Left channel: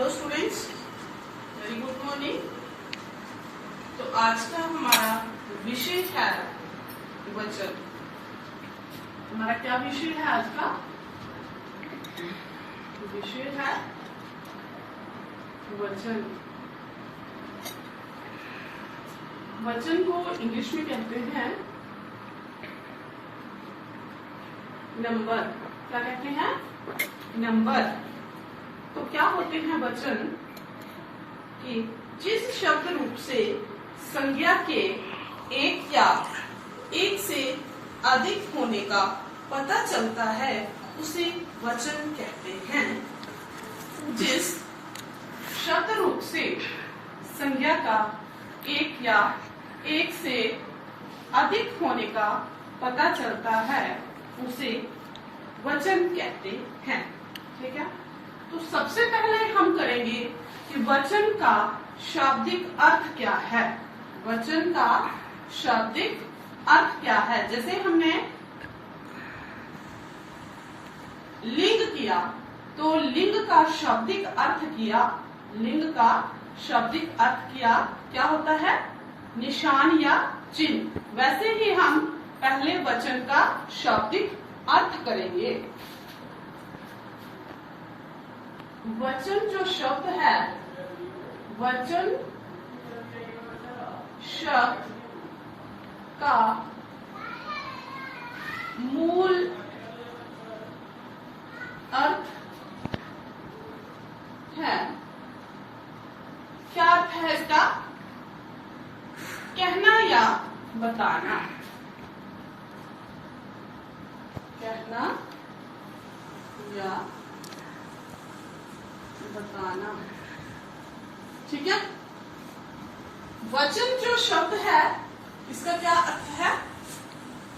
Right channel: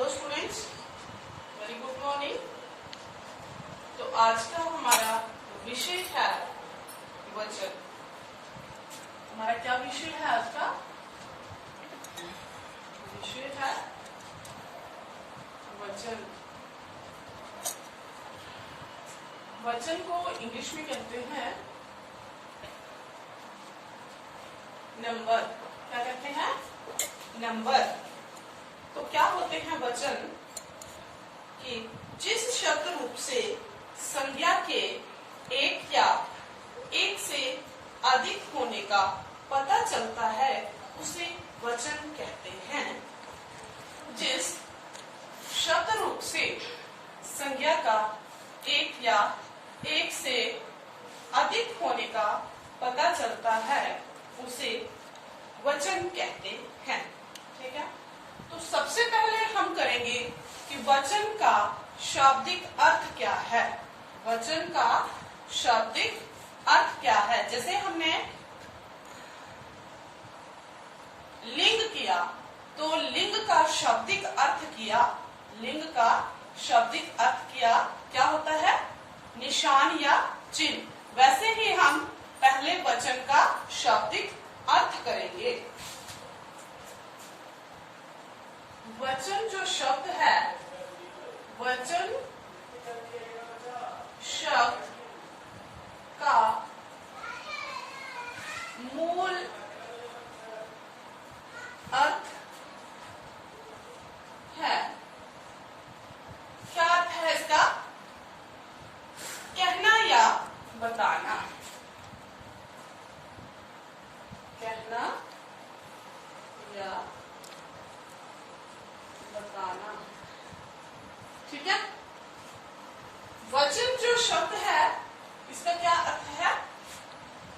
Hello students, very good morning. तो आज का हमारा विषय है वचन। हमारा क्या विषय है आज का? विषय है वचन। वचन को इंग्लिश में कहते हैं नंबर। क्या कहते हैं? नंबर। तो क्या होते हैं वचन? कि जिस शब्द रूप से संज्ञा के एक या एक से अधिक होने का पता चलता है उसे वचन कहते हैं। जिस शब्द रूप से संज्ञा का एक या एक से अधिक होने का पता चलता है उसे वचन कहते हैं। ठीक है, तो सबसे पहले हम करेंगे कि वचन का शाब्दिक अर्थ क्या है। वचन का शाब्दिक अर्थ क्या है? जैसे हमने लिंग किया तो लिंग का शाब्दिक अर्थ किया। लिंग का शाब्दिक अर्थ किया क्या होता है? निशान या चिन्ह। वैसे ही हम पहले वचन का शाब्दिक अर्थ करेंगे। वचन जो शब्द है, वचन शब्द का मूल अर्थ है। क्या अर्थ है इसका? कहना या बताना। कहना या बताना। ठीक है, वचन जो शब्द है इसका क्या अर्थ है?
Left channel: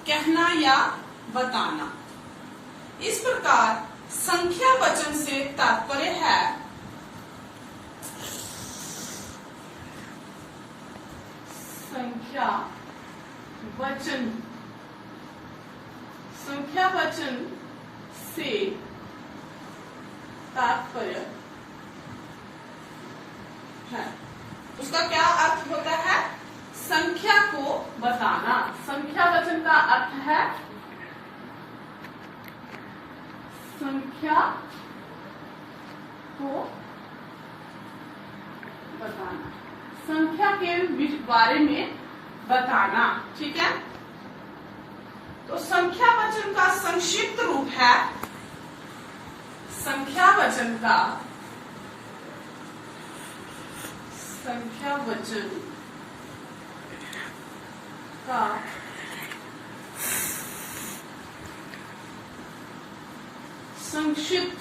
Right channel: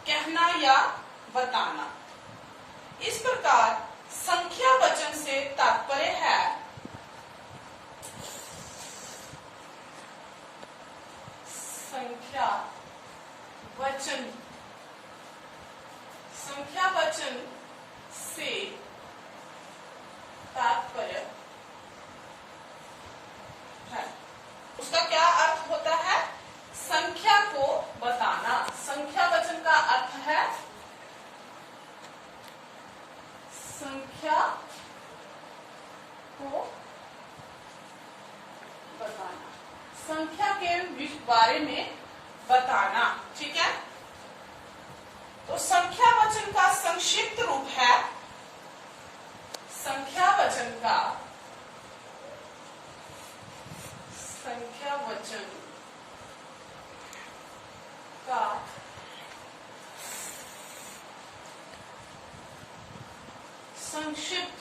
कहना या बताना। इस प्रकार संख्या वचन से तात्पर्य है संख्या वचन। संख्या वचन से तात्पर्य है। उसका क्या अर्थ होता है? संख्या को बताना। संख्या वचन का अर्थ है संख्या को बताना, संख्या के बारे में बताना। ठीक है, तो संख्या वचन का संक्षिप्त रूप है, संख्या वचन का संख्या वचन का संक्षिप्त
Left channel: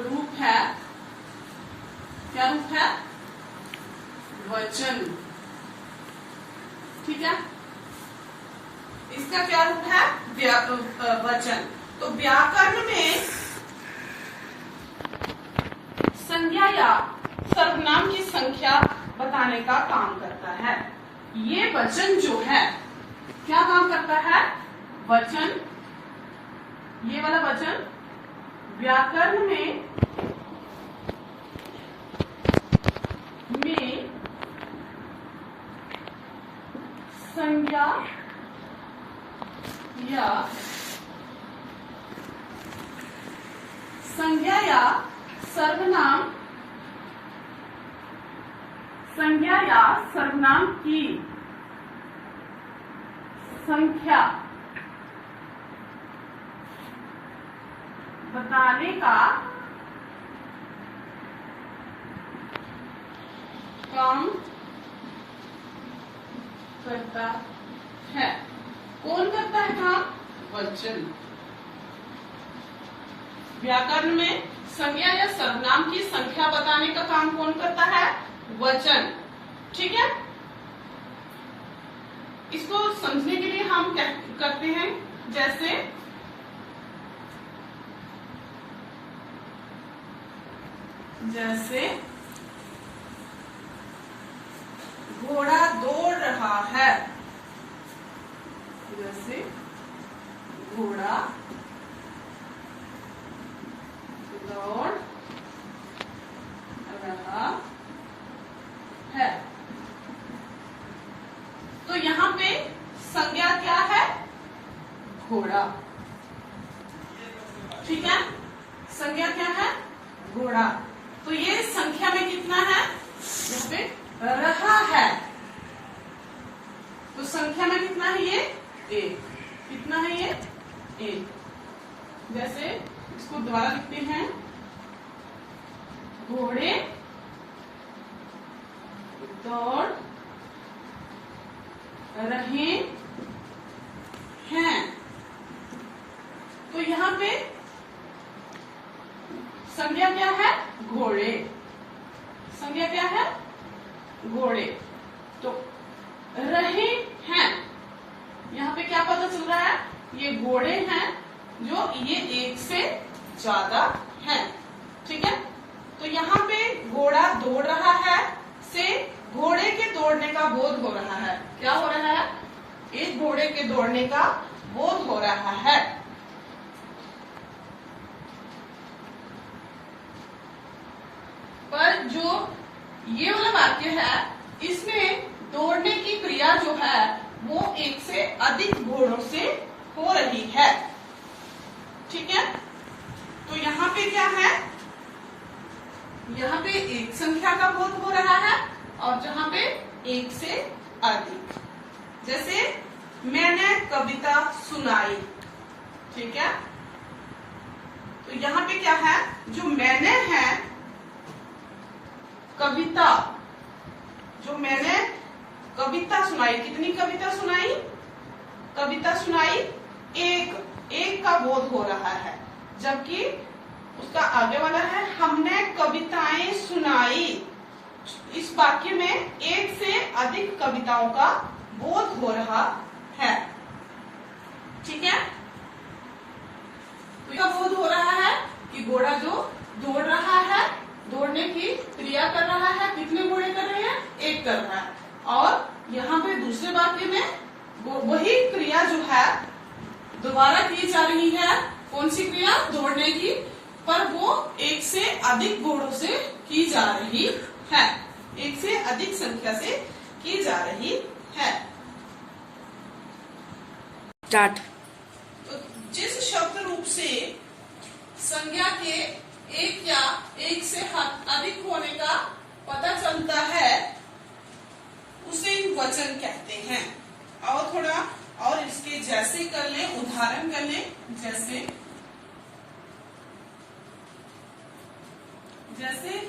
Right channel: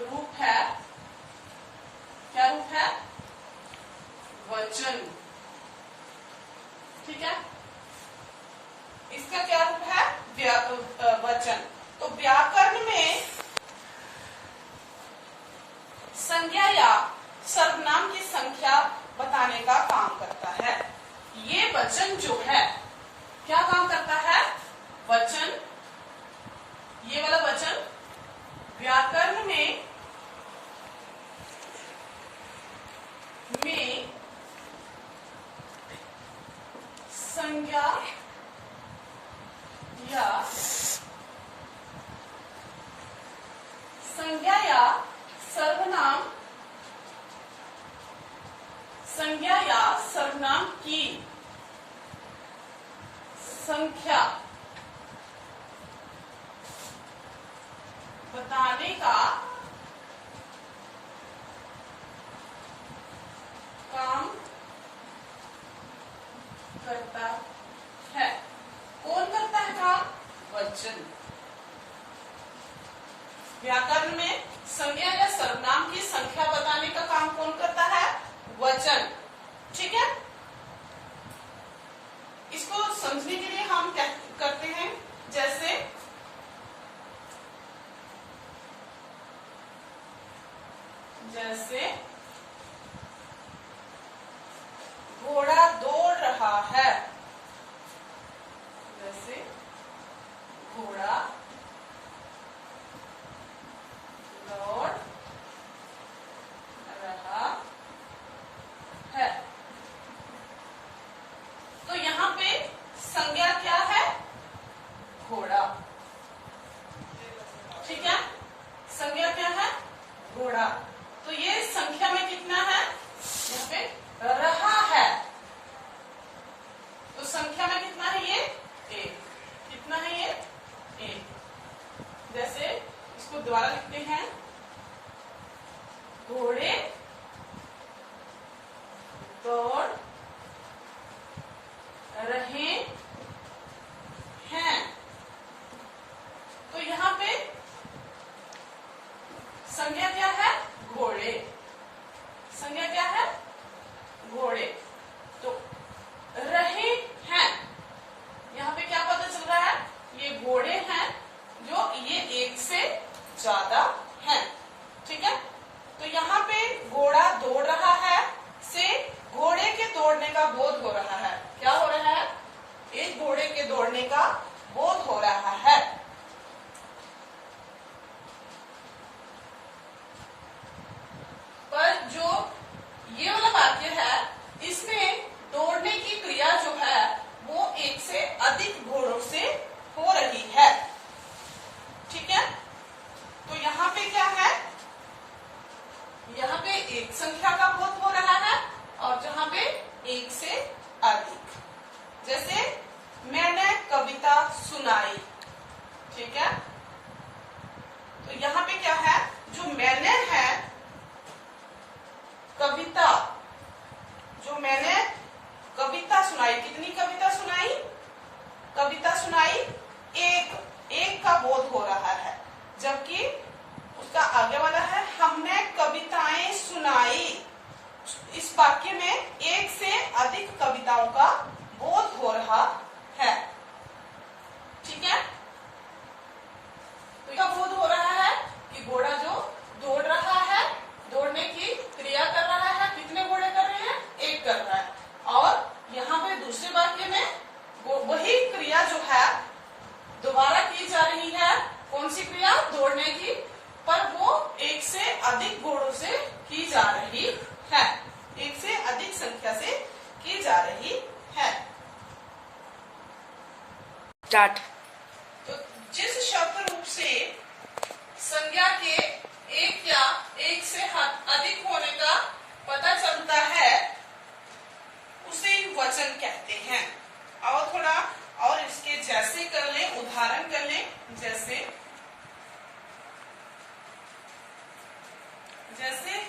रूप है। क्या रूप है? वचन। ठीक है, इसका क्या रूप है? वचन। तो व्याकरण में संज्ञा या सर्वनाम की संख्या बताने का काम करता है। ये वचन जो है क्या काम करता है? वचन, ये वाला वचन व्याकरण में संज्ञा या सर्वनाम, संज्ञा या सर्वनाम की संख्या बताने का काम करता है। कौन करता है काम? वचन। व्याकरण में संज्ञा या सर्वनाम की संख्या बताने का काम कौन करता है? वचन। ठीक है, इसको समझने के लिए हम क्या करते हैं? जैसे घोड़ा दौड़ रहा है। जैसे घोड़ा दौड़ घोड़ा। तो ये संख्या में कितना है, यहाँ पे रहा है, तो संख्या में कितना है ये, एक। कितना है ये, एक। जैसे इसको दोबारा लिखते हैं, घोड़े दौड़ रहे हैं। तो यहाँ पे संज्ञा क्या है, घोड़े। संज्ञा क्या है, घोड़े। तो रहे हैं, यहाँ पे क्या पता चल रहा है, ये घोड़े हैं जो ये एक से ज्यादा हैं। ठीक है, तो यहाँ पे घोड़ा दौड़ रहा है से घोड़े के दौड़ने का बोध हो रहा है। क्या हो रहा है, एक घोड़े के दौड़ने का बोध हो रहा है। पर जो ये वाला वाक्य है, इसमें दौड़ने की क्रिया जो है वो एक से अधिक घोड़ों से हो रही है। ठीक है, तो यहाँ पे क्या है, यहाँ पे एक संख्या का बोध हो रहा है और जहाँ पे एक से अधिक। जैसे मैंने कविता सुनाई। ठीक है, तो यहाँ पे क्या है, जो मैंने है कविता, जो मैंने कविता सुनाई, कितनी कविता सुनाई, कविता सुनाई एक का बोध हो रहा है। जबकि उसका आगे वाला है हमने कविताएं सुनाई। इस वाक्य में एक से अधिक कविताओं का बोध हो रहा है। ठीक है, तो इसका बोध हो रहा है कि घोड़ा जो दौड़ रहा है, दौड़ने की क्रिया कर रहा है, कितने घोड़े कर रहे हैं, एक कर रहा है। और यहाँ पे दूसरे वाक्य में वही क्रिया जो है दोबारा की जा रही है। कौन सी क्रिया, दौड़ने की, पर वो एक से अधिक घोड़ों से की जा रही है, एक से अधिक संख्या से की जा रही है। स्टार्ट। तो जिस शब्द रूप से संज्ञा के एक या एक से अधिक होने का पता चलता है उसे वचन कहते हैं। और थोड़ा और इसके जैसे कर लें, उदाहरण कर लें। जैसे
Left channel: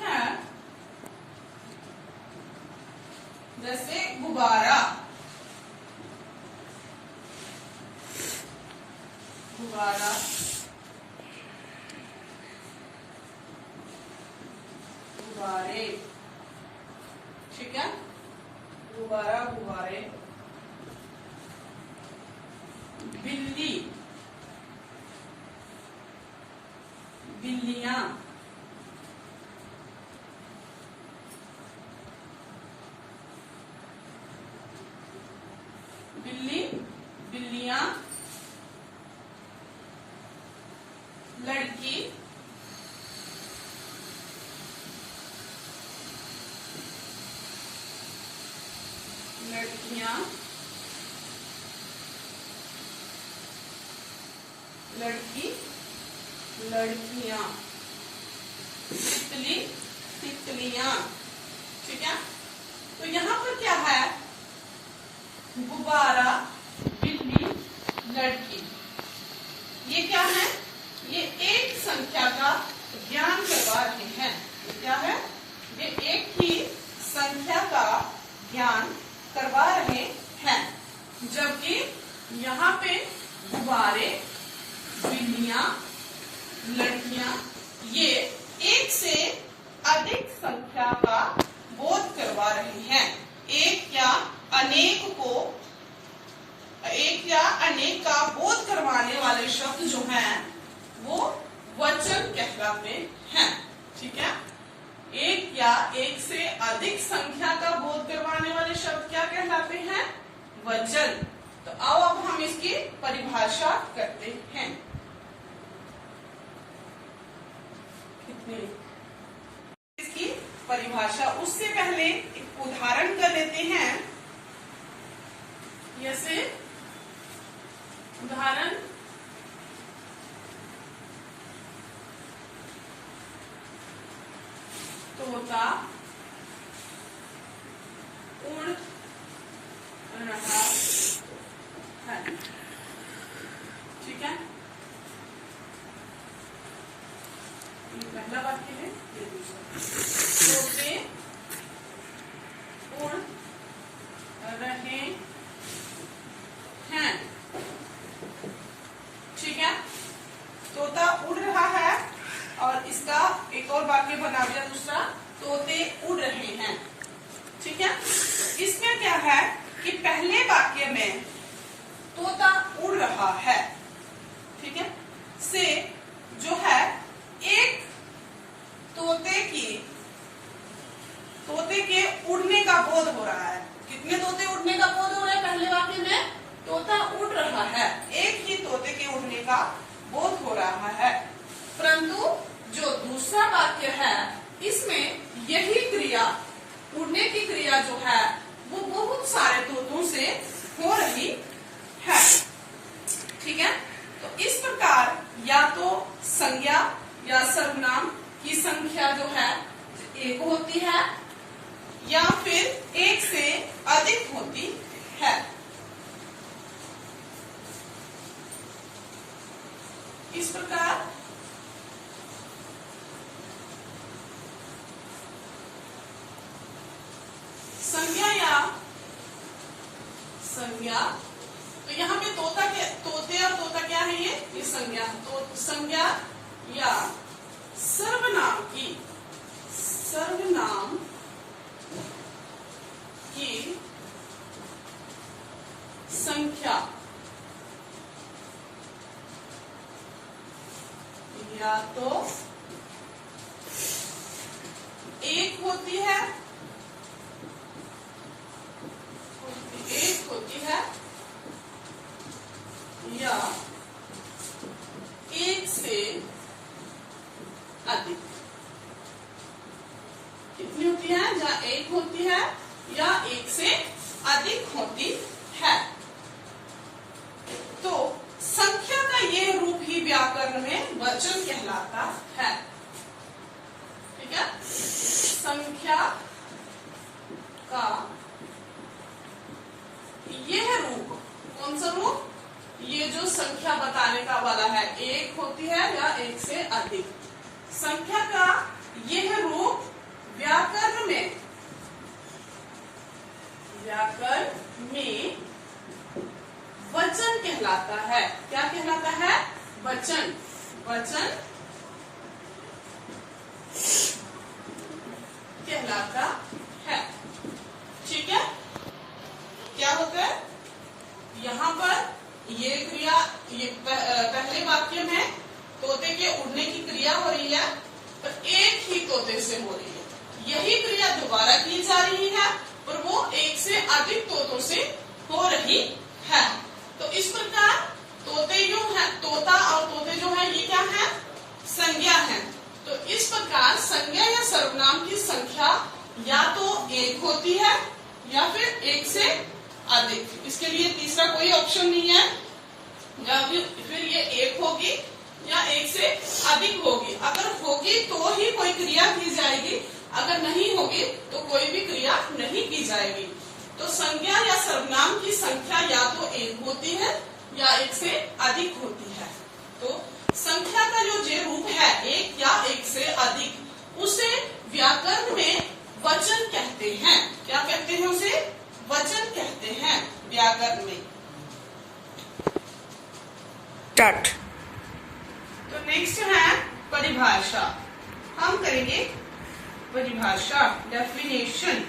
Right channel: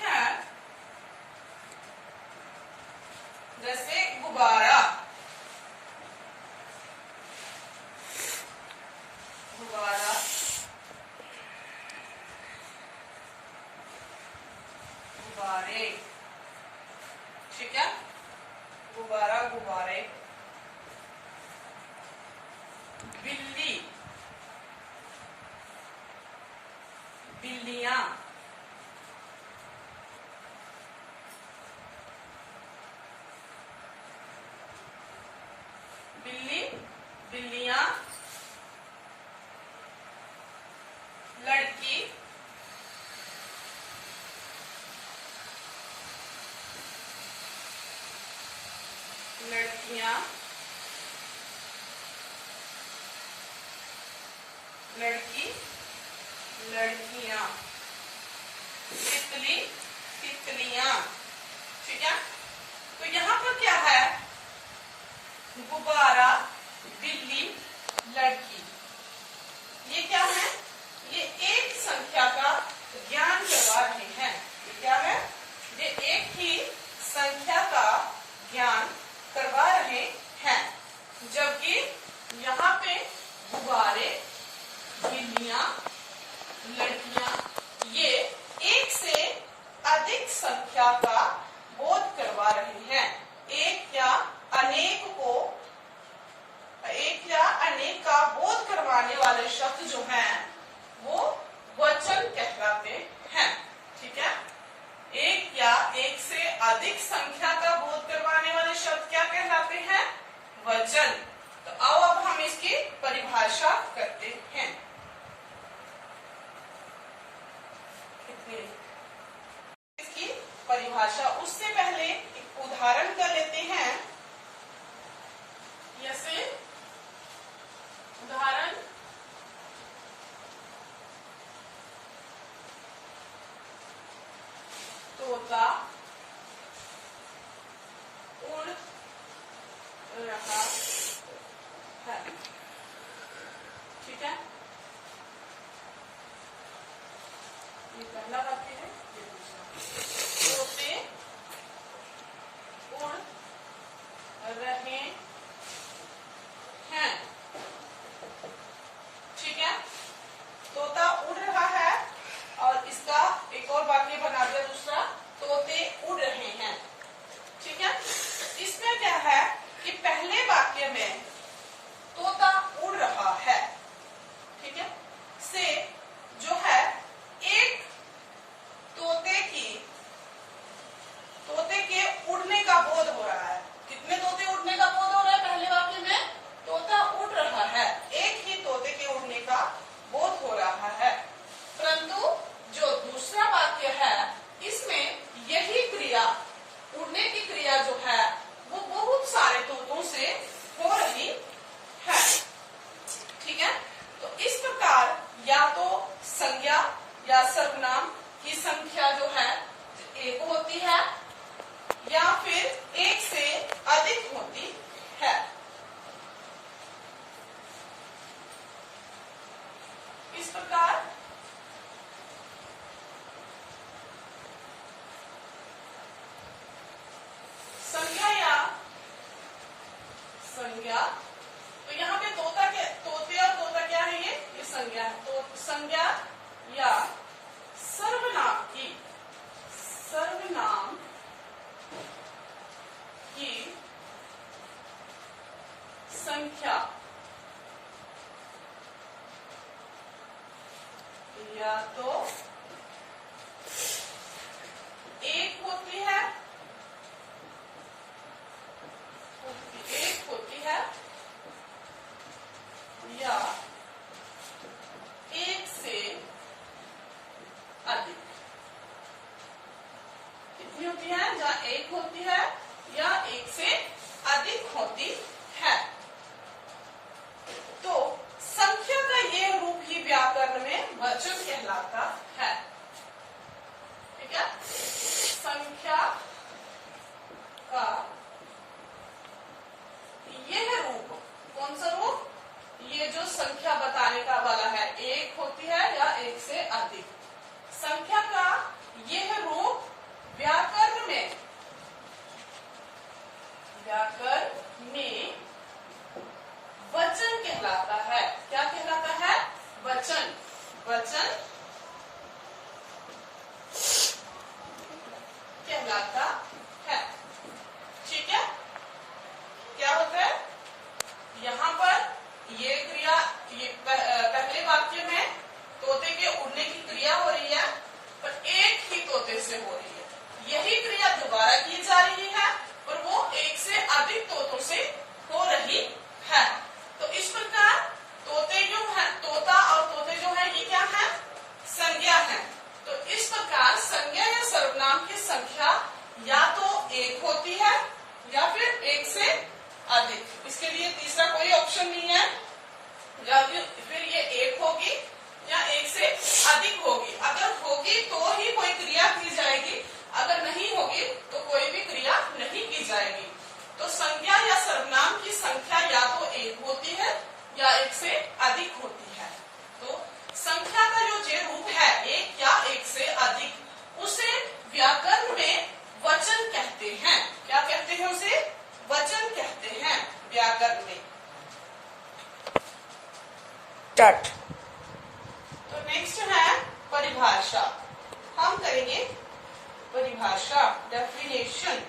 है, जैसे गुब्बारा, गुब्बारा, गुब्बारे। ठीक है, गुब्बारा, गुब्बारे। बिल्ली, बिल्लियां, बिल्ली, बिल्लियां, लड़की, लड़कियां, लड़की, लड़कियां, तितली, तितलियां। ठीक है, तो यहाँ पर क्या है, गुब्बारा, बिल्ली, लड़की, ये क्या है, ये एक संख्या का ज्ञान करवा रहे हैं। ये क्या है, ये एक ही संख्या का ज्ञान करवा रहे हैं। जबकि यहाँ पे गुब्बारे, बिल्लियां, लड़कियां, ये एक से अधिक संख्या का बोध करवा रहे हैं। एक या अनेक का बोध करवाने वाले शब्द जो हैं वो वचन कहलाते हैं। ठीक है, एक या एक से अधिक संख्या का बोध करवाने वाले शब्द क्या कहलाते हैं, वचन। तो आओ अब हम इसकी परिभाषा करते हैं। इसकी परिभाषा, उससे पहले एक उदाहरण कर लेते हैं। जैसे उदाहरण, तोता उड़ रहा है। ठीक है, ये पहला वाक्य है, ये दूसरा। तोते उड़ रहे हैं। ठीक है, तोता उड़ रहा है और इसका एक और वाक्य बना दिया दूसरा, तोते उड़ रहे हैं। ठीक है, इसमें क्या है कि पहले वाक्य में तोता उड़ रहा है, ठीक है, से जो है एक तोते के उड़ने का बोध हो रहा है। कितने तोते उड़ने का बोध हो रहा है? पहले वाक्य में तोता उड़ रहा है, एक ही तोते के उड़ने का बोध हो रहा है। परंतु जो दूसरा वाक्य है इसमें यही क्रिया, उड़ने की क्रिया जो है वो बहुत सारे तोतों से हो रही है। ठीक है, तो इस प्रकार या तो संज्ञा या सर्वनाम की संख्या जो है एक होती है या फिर एक से अधिक होती है। इस प्रकार संज्ञा, तो यहाँ पे तोते और तोता क्या है? ये संज्ञा है। तो संज्ञा या सर्वनाम की संख्या या तो एक होती है या एक से अधिक। कितनी होती है? जहाँ एक होती है या एक से अधिक होती है। तो संख्या का ये रूप ही व्याकरण में वचन कहलाता है। ठीक है, संख्या का यह रूप, कौन सा रूप? ये जो संख्या बताने का वाला है, एक होती है या एक से अधिक। संख्या का यह रूप व्याकरण में वचन कहलाता है। क्या कहलाता है? वचन कहलाता है। ठीक है, क्या होता है यहाँ पर? ये क्रिया, ये पहले वाक्य में तोते के उड़ने की क्रिया हो रही है, पर एक ही तोते से हो रही है। यही क्रिया दोबारा की जा रही है और वो एक से अधिक तोतों से हो रही है। तो इस प्रकार तोते जो है, तोता और तोते जो है, ये क्या है? संज्ञा है। तो इस प्रकार संज्ञा या सर्वनाम की संख्या या तो एक होती है या फिर एक से अधिक। इसके लिए तीसरा कोई ऑप्शन नहीं है। या फिर ये एक होगी या एक से अधिक होगी। अगर होगी तो ही कोई क्रिया की जाएगी, अगर नहीं होगी तो कोई भी क्रिया नहीं की जाएगी। तो संज्ञा या सर्वनाम की संख्या या तो एक होती है या एक से अधिक होती है। तो संख्या का जो जे रूप है, एक या एक से अधिक, उसे व्याकरण में वचन कहते हैं। क्या कहते हैं उसे? वचन कहते हैं व्याकरण में। स्टार्ट। तो नेक्स्ट है परिभाषा। हम करेंगे परिभाषा, डेफिनेशन।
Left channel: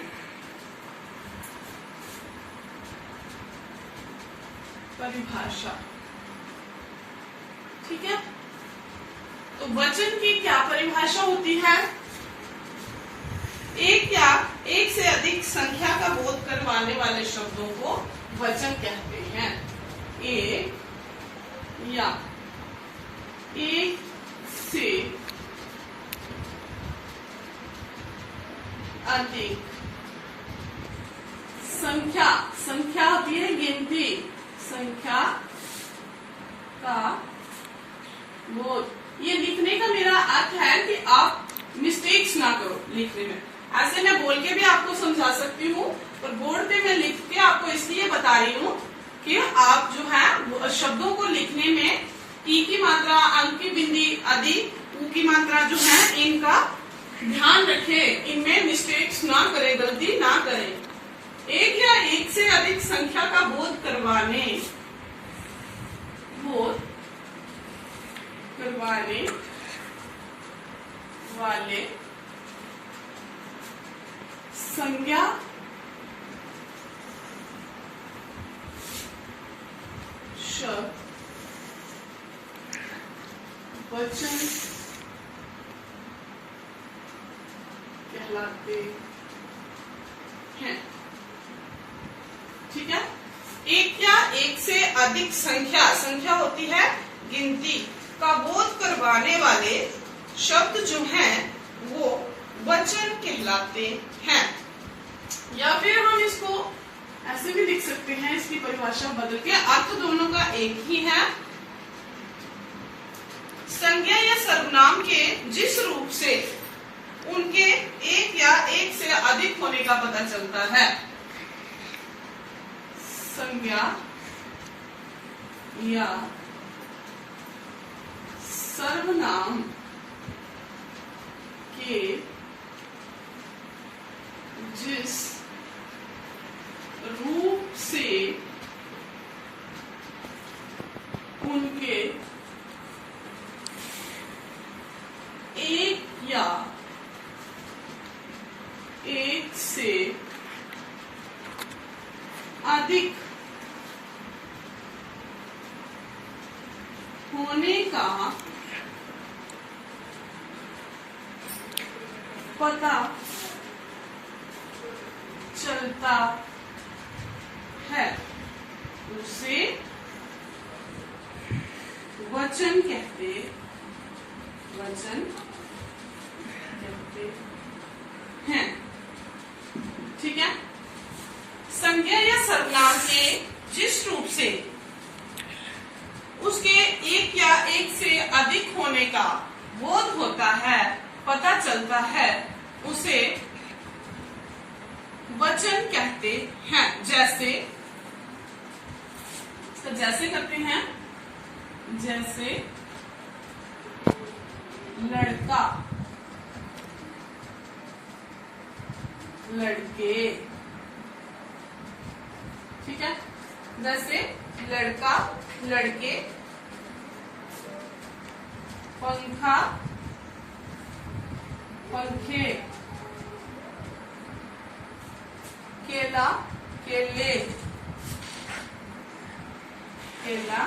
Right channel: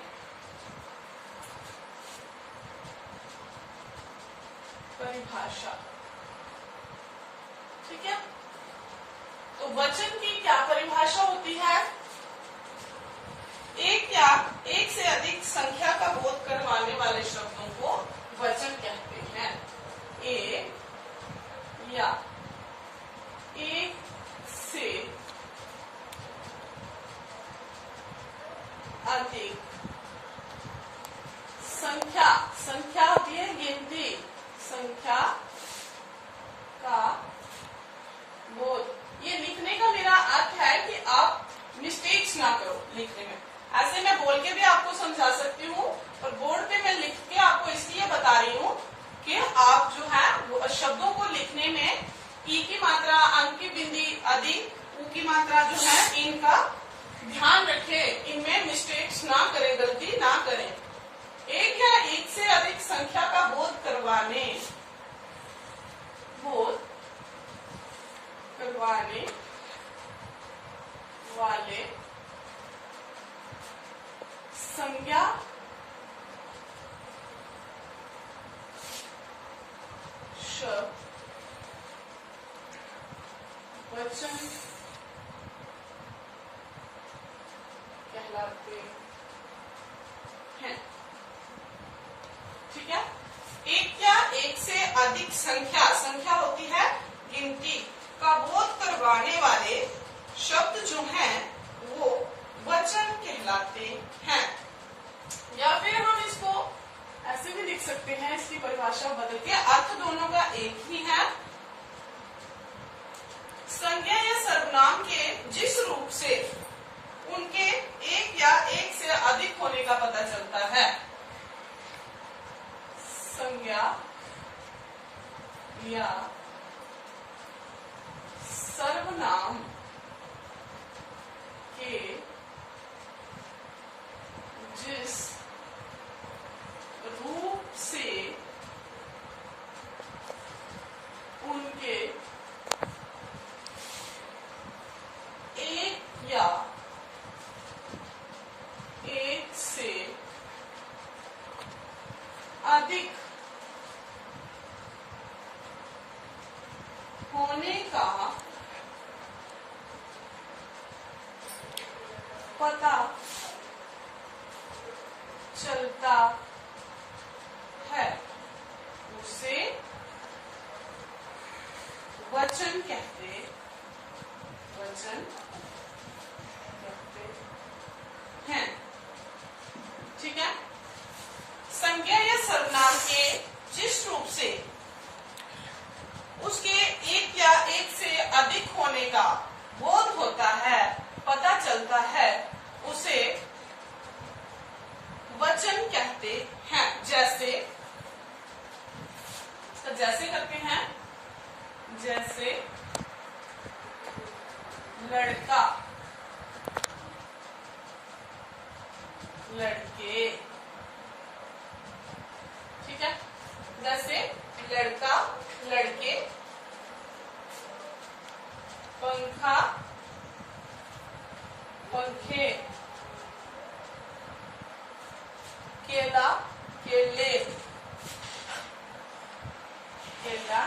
परिभाषा, ठीक है। तो वचन की क्या परिभाषा होती है? एक या एक से अधिक संख्या का बोध करवाने वाले शब्दों को वचन कहते हैं। एक या एक से अधिक संख्या होती है गिनती, संख्या का बोध। ये लिखने का मेरा अर्थ है कि आप मिस्टेक्स ना करो लिखने में। ऐसे मैं बोल के भी आपको समझा सकती हूँ, और बोर्ड पे मैं लिख के आपको इसलिए बता रही हूँ कि आप जो है शब्दों को लिखने में ई की मात्रा, अंक की बिंदी आदि, ऊ की मात्रा जो है, इनका ध्यान रखें, इनमें मिस्टेक्स ना करें, गलती ना करें। एक या एक से अधिक संख्या का बोध करवाने वाले संज्ञा शब्द वचन कहलाते हैं। ठीक है। एक या एक से अधिक संख्या होती है गिनती का बोध करवाने वाले शब्द जो हैं वो वचन कहलाते हैं। या फिर हम इसको ऐसे भी लिख सकते हैं, इसकी परिभाषा बदल के, अर्थ दोनों का एक ही है। संज्ञा या सर्वनाम के जिस रूप से उनके एक या एक से अधिक होने का पता चलता है, संज्ञा या सर्वनाम के जिस रूप से उनके एक या एक से अधिक होने का पता चलता है, उसे वचन कहते हैं। ठीक है। संज्ञा या सर्वनाम के जिस रूप से उसके एक या एक से अधिक होने का बोध होता है, पता चलता है, उसे वचन कहते हैं। जैसे करते हैं, जैसे लड़का, लड़के। ठीक है। जैसे लड़का, लड़के, पंखा, पंखे, केला, केले, केला,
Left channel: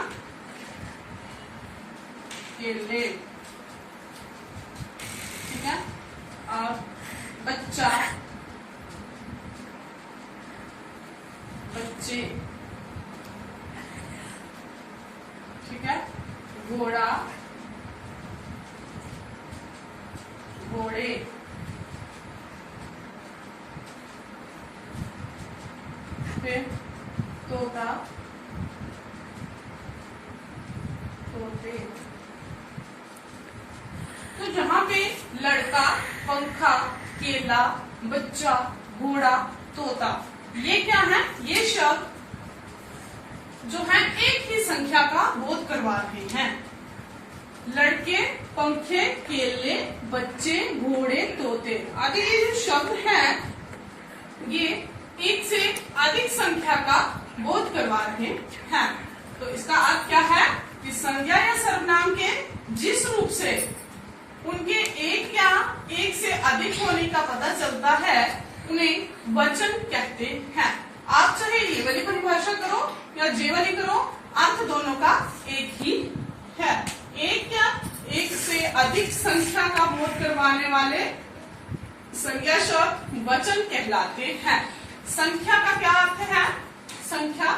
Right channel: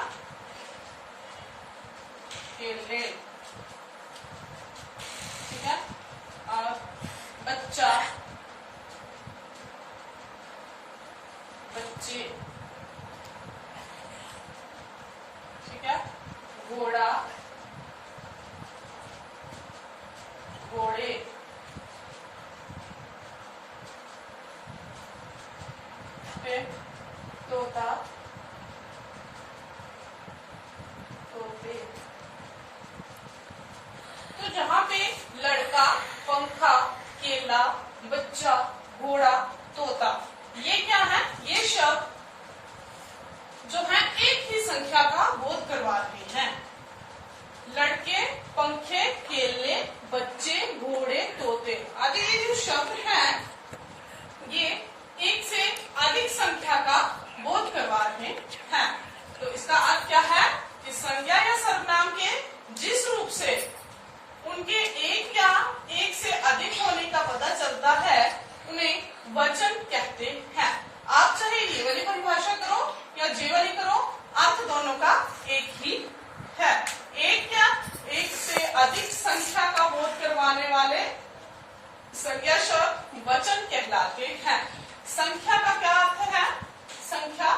केले। ठीक है। और बच्चा, बच्चे। ठीक है। घोड़ा, घोड़े। फिर तोता, तोते। तो जहाँ पे लड़का, पंखा, केला, बच्चा, घोड़ा, तोता, ये क्या है? ये शब्द जो है एक ही संख्या का बोध करवा रहे हैं। लड़के, पंखे, केले, बच्चे, घोड़े, तोते आदि ये जो शब्द हैं, ये एक से अधिक संख्या का बोध करवा रहे हैं। तो इसका अर्थ क्या है कि संज्ञा या सर्वनाम के जिस रूप से उनके एक या एक से अधिक होने का पता चलता है, उन्हें वचन कहते हैं। आप चाहे ये वाली परिभाषा करो या जे वाली करो, अर्थ दोनों का एक ही है। एक या एक से अधिक संख्या का बोध करवाने वाले संज्ञा शब्द वचन कहलाते हैं। संख्या का क्या अर्थ है? संख्या,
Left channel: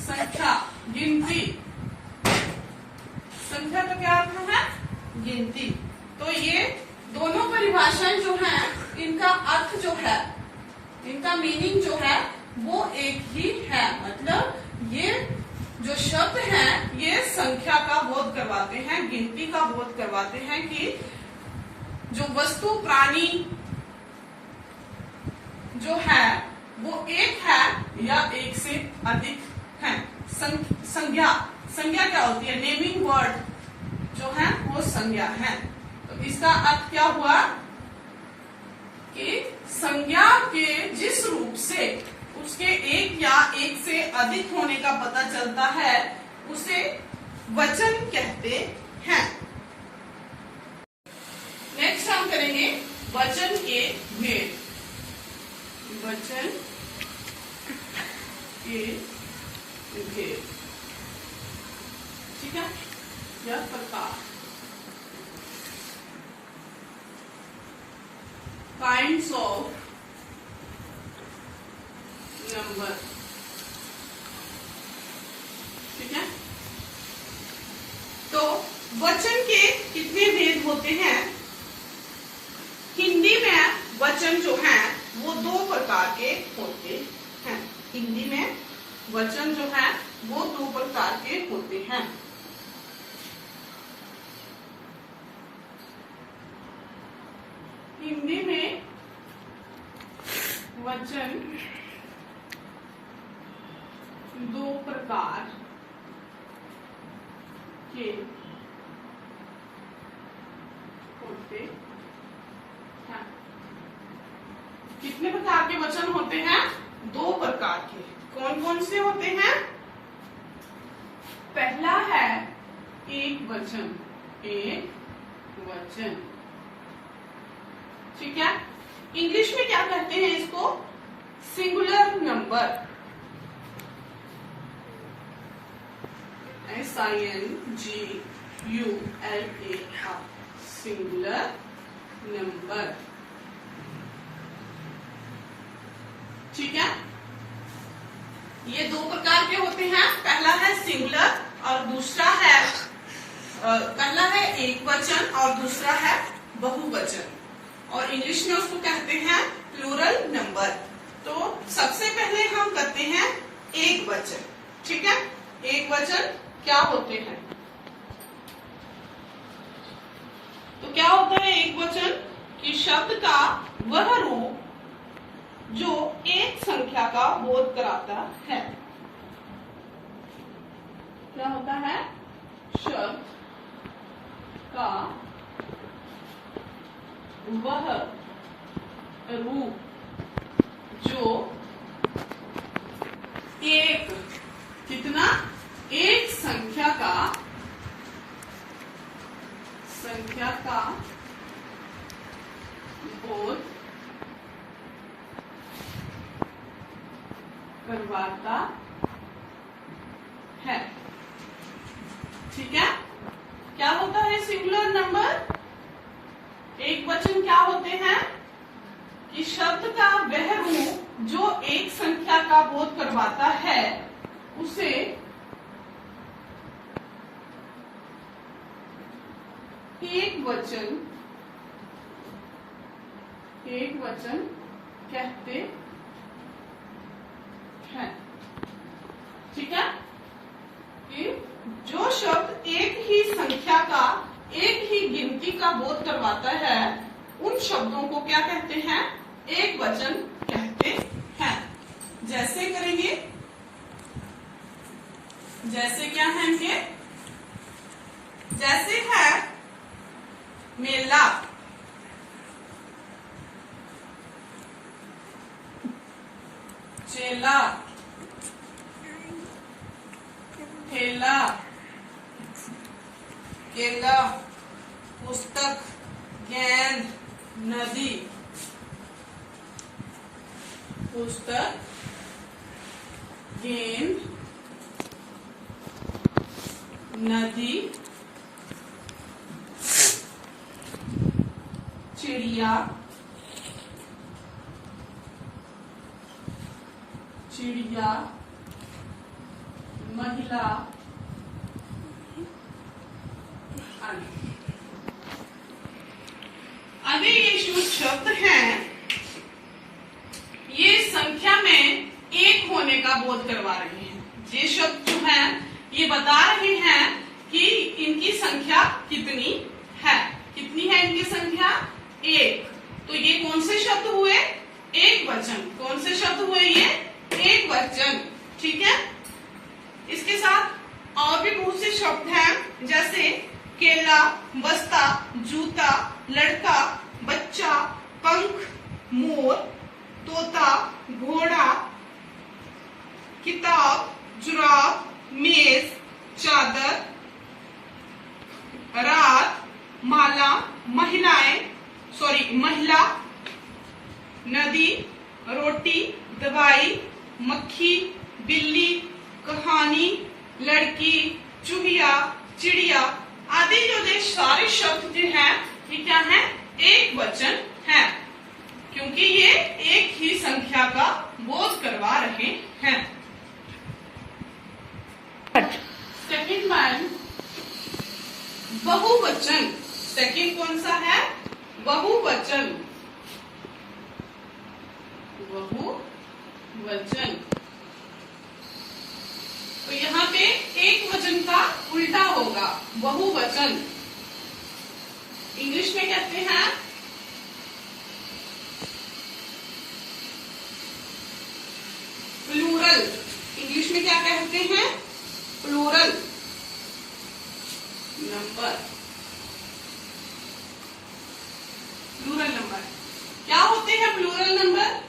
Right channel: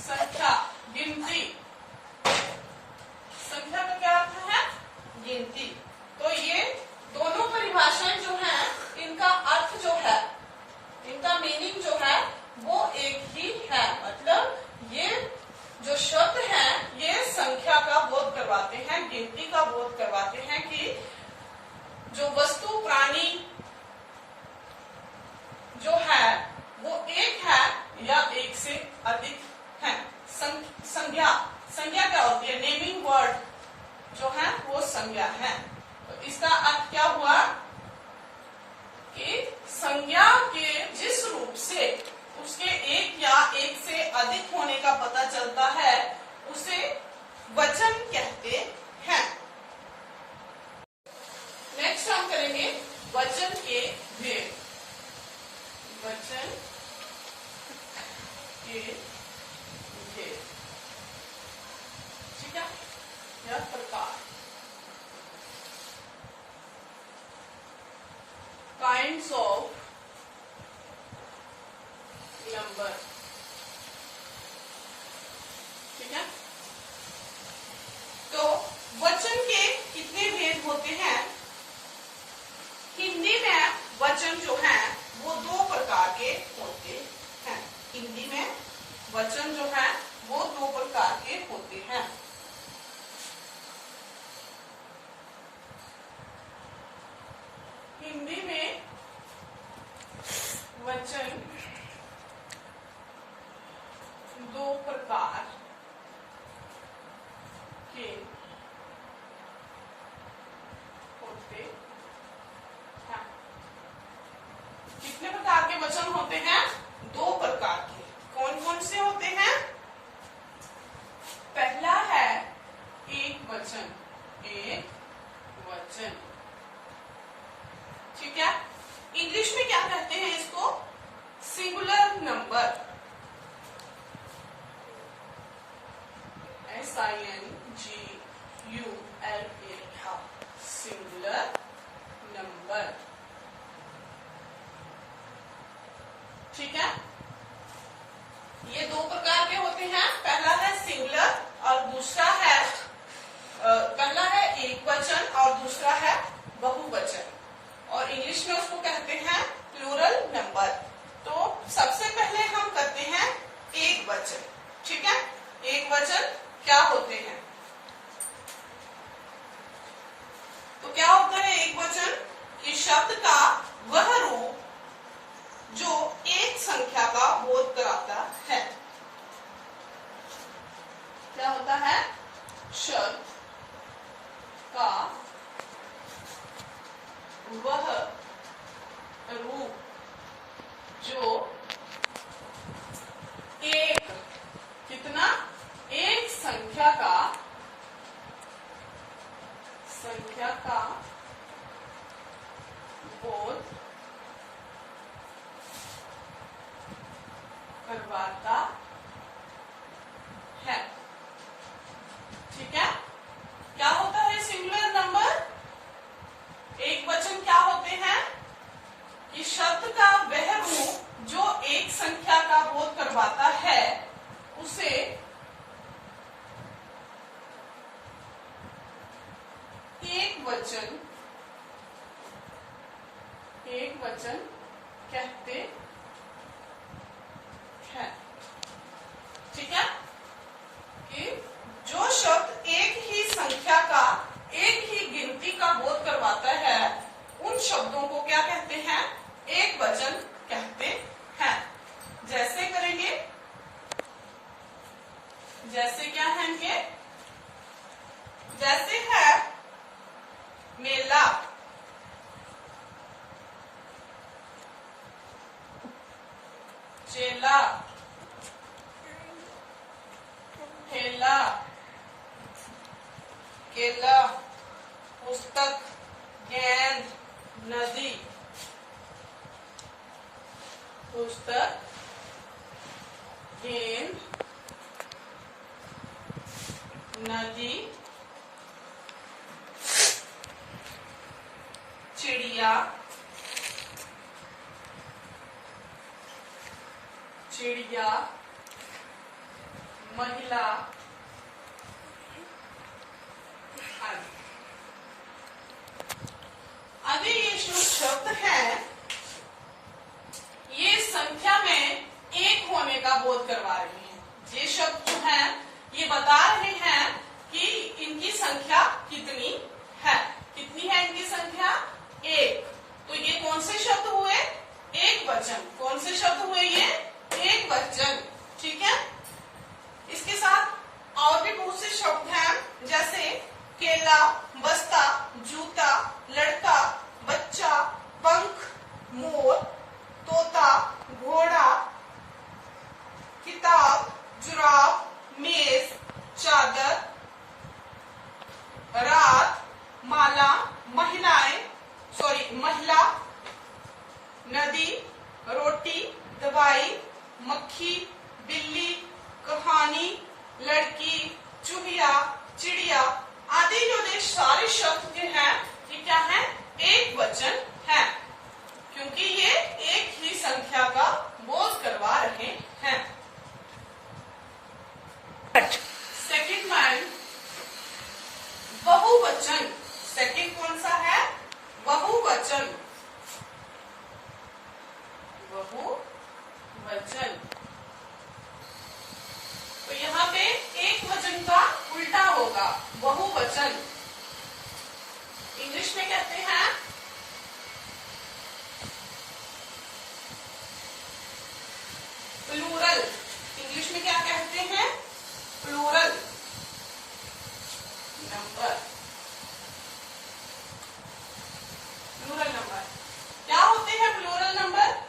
संख्या गिनती। संख्या का क्या अर्थ है? गिनती। तो ये दोनों परिभाषाएं जो हैं, इनका अर्थ जो है, इनका मीनिंग जो है वो एक ही है। मतलब ये जो शब्द हैं ये संख्या का बोध करवाते हैं, गिनती का बोध करवाते हैं कि जो वस्तु प्राणी जो है वो एक है या एक से अधिक है। संज्ञा, संज्ञा क्या होती है? नेमिंग वर्ड जो है वो संज्ञा है। तो इसका अर्थ क्या हुआ कि संज्ञा के जिस रूप से उसके एक या एक से अधिक होने का पता चलता है उसे वचन कहते हैं। नेक्स्ट हम करेंगे वचन के भेद। वचन के भेद, ठीक है, या प्रकार। काइंड्स ऑफ नंबर, ठीक है। तो वचन के कितने भेद होते हैं? हिंदी में वचन जो है वो दो प्रकार के होते हैं। हिंदी में वचन जो है वो दो प्रकार के होते हैं। हिंदी में वचन दो प्रकार के होते हैं। कितने प्रकार के वचन होते हैं? दो प्रकार के। कौन कौन से होते हैं? पहला है एक वचन, एक वचन, ठीक है। इंग्लिश में क्या कहते हैं इसको? Singular number, SINGULAR, singular number, ठीक है। ये दो प्रकार के होते हैं। पहला है सिंगुलर और दूसरा है पहला है एक वचन और दूसरा है बहुवचन, और इंग्लिश में उसको कहते हैं प्लूरल नंबर। तो सबसे पहले हम करते हैं एक वचन, ठीक है। एक वचन क्या होते हैं? तो क्या होता है एक वचन? कि शब्द का वह रूप जो एक संख्या का बोध कराता है। क्या होता है? शब्द का वह रूप जो एक, कितना? एक संख्या का बोध करवाता है, ठीक है। क्या होता है सिंगुलर नंबर? एक वचन क्या होते हैं? कि शब्द का वह रूप जो एक संख्या का बोध करवाता है उसे एक वचन कहते हैं, ठीक है। कि जो शब्द एक ही संख्या का, एक ही गिनती का बोध करवाता है उन शब्दों को क्या कहते हैं? एक वचन कहते हैं। जैसे करेंगे, जैसे क्या है इनके? जैसे है मेला, चेला, ठेला, केला, पुस्तक, गेंद, नदी, पुस्तक, गेंद, नदी, चिड़िया, चिड़िया, महिला, आगे ये जो शब्द हैं ये संख्या में एक होने का बोध करवा रहे हैं। ये शब्द जो है ये बता रहे हैं कि इनकी संख्या कितनी है। कितनी है इनकी संख्या? एक। तो ये कौन से शब्द हुए? एक वचन। कौन से शब्द हुए ये? एक वचन। ठीक है। इसके साथ और भी बहुत से शब्द हैं, जैसे केला, बस्ता, जूता, लड़का, बच्चा, पंख, मोर, तोता, घोड़ा, किताब, जुराब, मेज, चादर, रात, माला, महिला, नदी, रोटी, दवाई, मक्खी, बिल्ली, कहानी, लड़की, चूहिया, चिड़िया आदि जो सारे शब्द जो हैं ये क्या है? एक वचन है, क्योंकि ये एक ही संख्या का बोध करवा रहे हैं। सेकंड वन, बहुवचन। सेकंड कौन सा है? बहुवचन। बहुवचन। तो यहाँ पे एक वचन का उल्टा होगा, बहुवचन। इंग्लिश में कहते हैं प्लूरल। इंग्लिश में क्या कहते हैं? Plural number. प्लूरल नंबर क्या होते हैं? प्लूरल नंबर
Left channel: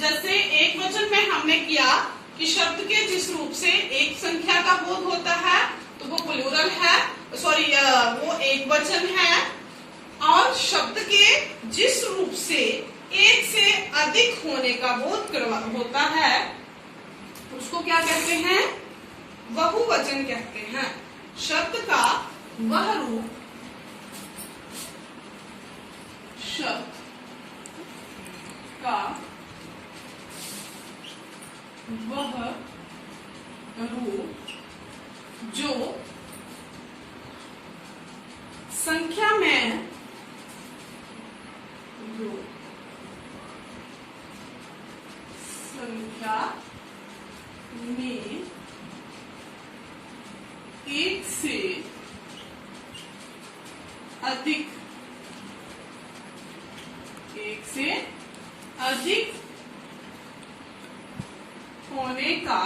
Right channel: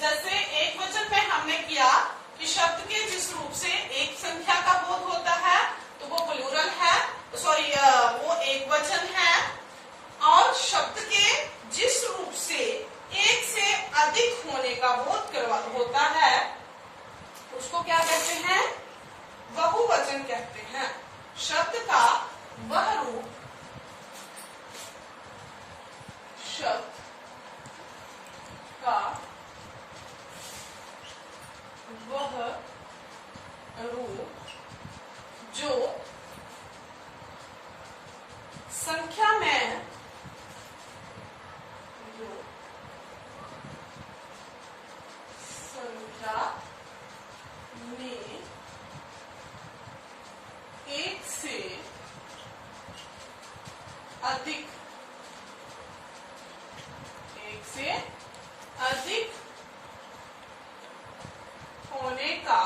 जैसे एक वचन में हमने किया कि शब्द के जिस रूप से एक संख्या का बोध होता है तो वो प्लूरल है, वो एक वचन है। और शब्द के जिस रूप से एक से अधिक होने का बोध होता है उसको क्या कहते हैं? बहुवचन कहते हैं। शब्द का वह रूप, शब्द का वह रूप जो संख्या में एक से अधिक होने का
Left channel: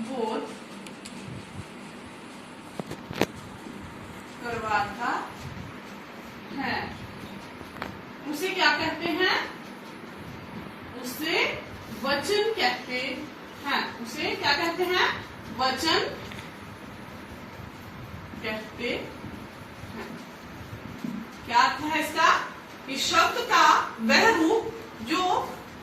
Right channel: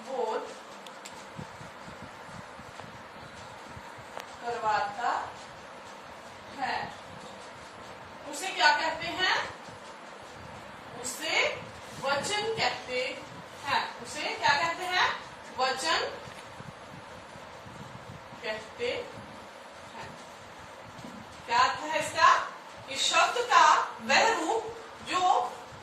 बोध करवाता है उसे क्या कहते हैं? उसे वचन कहते हैं। उसे क्या कहते हैं? वचन कहते हैं। क्या अर्थ है इसका? कि शब्द का वह रूप जो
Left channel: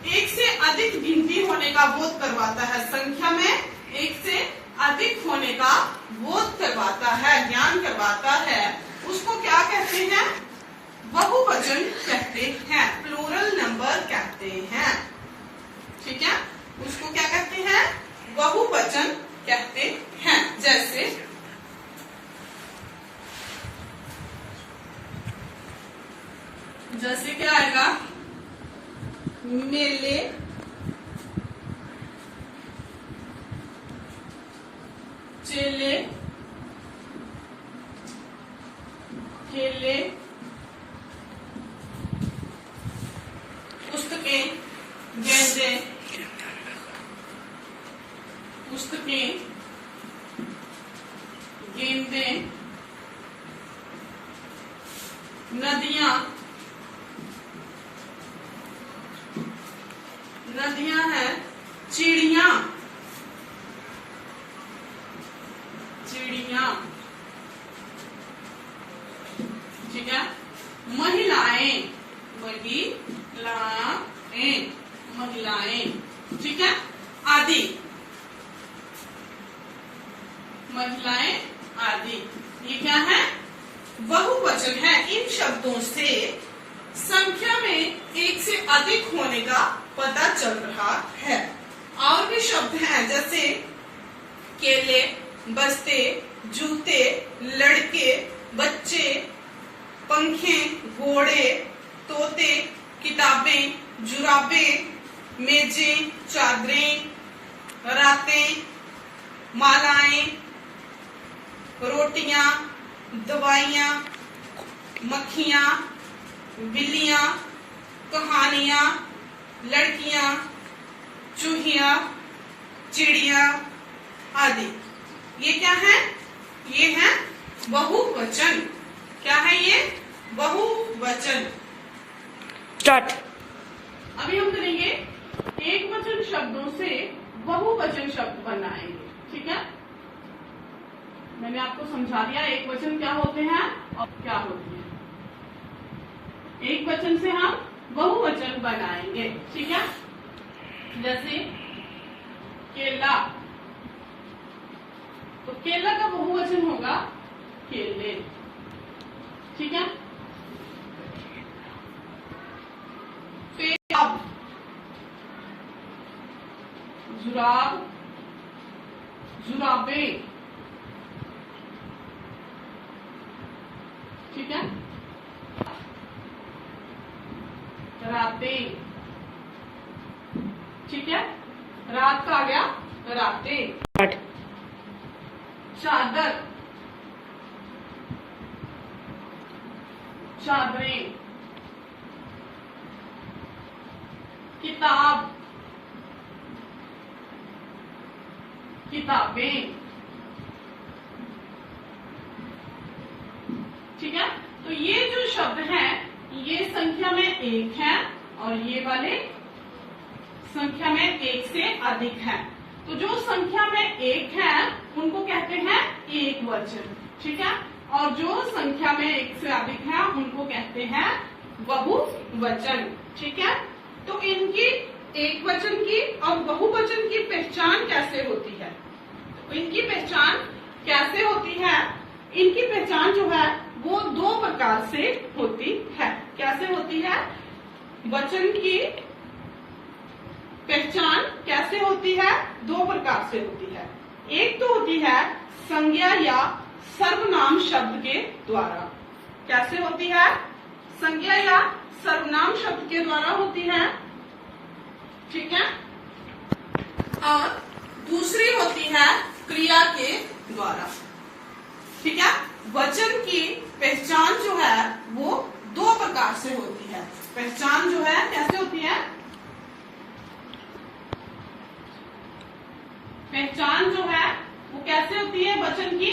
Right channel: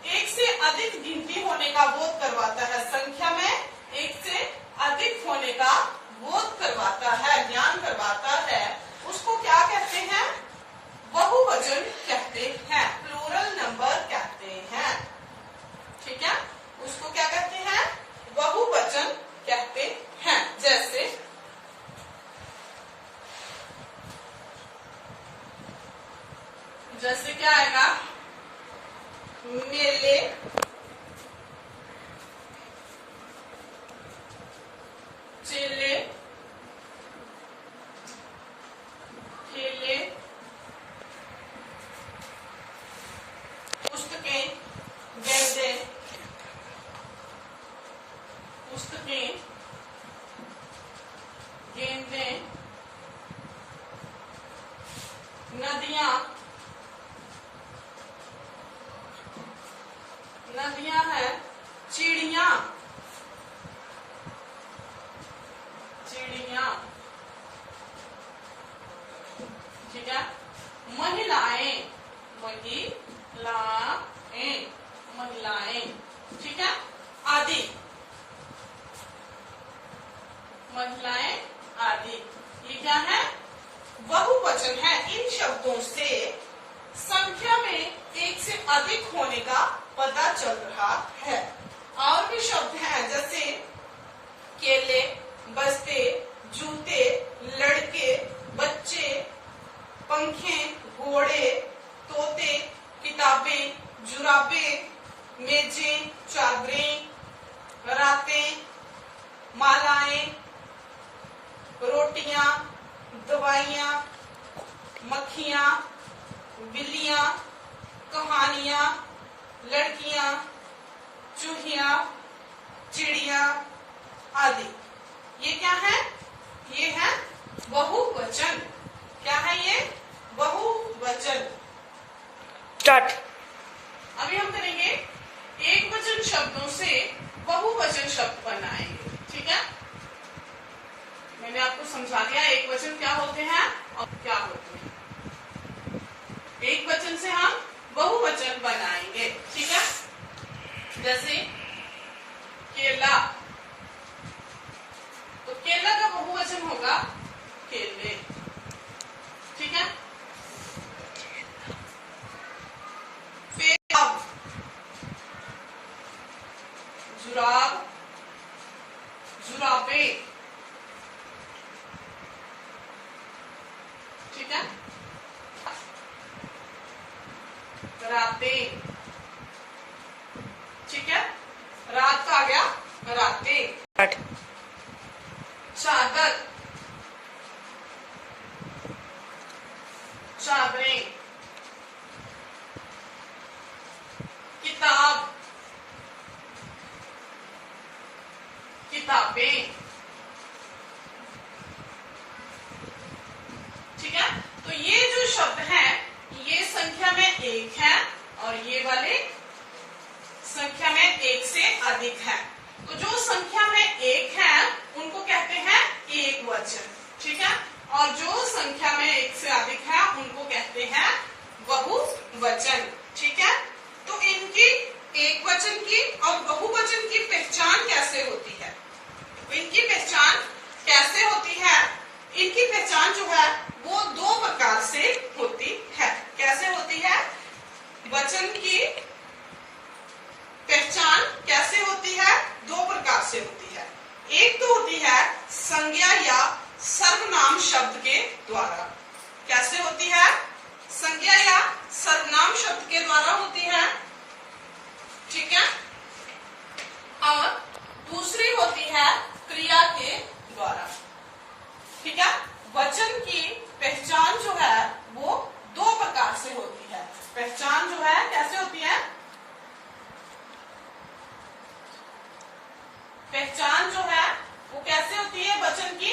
एक से अधिक गिनती होने का बोध करवाता है, संख्या में एक से अधिक होने का बोध करवाता है, ज्ञान करवाता है, उसको क्या कहते हैं? बहुवचन कहते हैं, प्लूरल नंबर कहते हैं। ठीक है, उसको क्या कहते हैं? बहुवचन कहते हैं। जैसे क्या आएगा? मेले, चेले, ठेले, पुस्तकें, गेंदे, पुस्तकें, गेंदे, नदियां, नदियां हैं, चिड़िया, चिड़िया, ठीक है, महिलाएं, महिलाएं, ठीक है, आदि, महिलाएं आदि, ये क्या है? बहुवचन है। इन शब्दों से संख्या में एक से अधिक होने का पता चल रहा है। और भी शब्द हैं जैसे केले, बस्ते, जूते, लड़के, बच्चे, पंखे, घोड़े, तोते, किताबें, जुराबें, मेजें, चादरें, रोटियां, दवाइयां, मक्खियां, बिल्लियां, कहानियां, लड़कियां, चूहियां, चिड़िया आदि। ये क्या है? ये है बहुवचन। क्या है ये? बहुवचन। स्टार्ट। अभी हम करेंगे एक वचन शब्दों से बहुवचन शब्द बनाएंगे। ठीक है, मैंने आपको समझा दिया एक वचन क्या होते हैं और क्या होते हैं। एक वचन से हम बहुवचन बनाएंगे। ठीक है, जैसे केला, तो केला का बहुवचन होगा केले। ठीक है, फिर जुराब, जुराबे। ठीक है, कराते। ठीक है, रात का आ गया कराते। चादर, चादरें। किताब, किताबें। ठीक है, तो ये जो शब्द हैं ये संख्या में एक है और ये वाले संख्या में एक से अधिक है। तो जो संख्या में एक है उनको कहते हैं एक वचन। ठीक है, और जो संख्या में एक से अधिक है उनको कहते हैं बहुवचन। ठीक है, तो इनकी एक वचन की और बहुवचन की पहचान कैसे होती है? इनकी पहचान कैसे होती है? इनकी पहचान जो है वो दो प्रकार से होती है। कैसे होती है? वचन की पहचान कैसे होती है? दो प्रकार से होती है। एक तो होती है संज्ञा या सर्वनाम शब्द के द्वारा। कैसे होती है? संज्ञा या सर्वनाम शब्द के द्वारा होती है। ठीक है, और दूसरी होती है क्रिया के द्वारा। ठीक है, वचन की पहचान जो है वो दो प्रकार से होती है। पहचान जो है कैसे होती है? पहचान जो है वो कैसे होती है? वचन की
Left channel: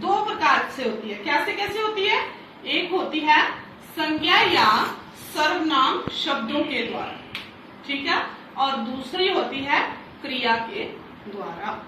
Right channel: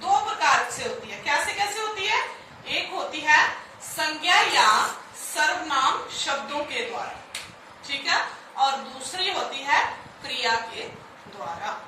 दो प्रकार से होती है। कैसे कैसे होती है? एक होती है संज्ञा या सर्वनाम शब्दों के द्वारा। ठीक है, और दूसरी होती है क्रिया के द्वारा।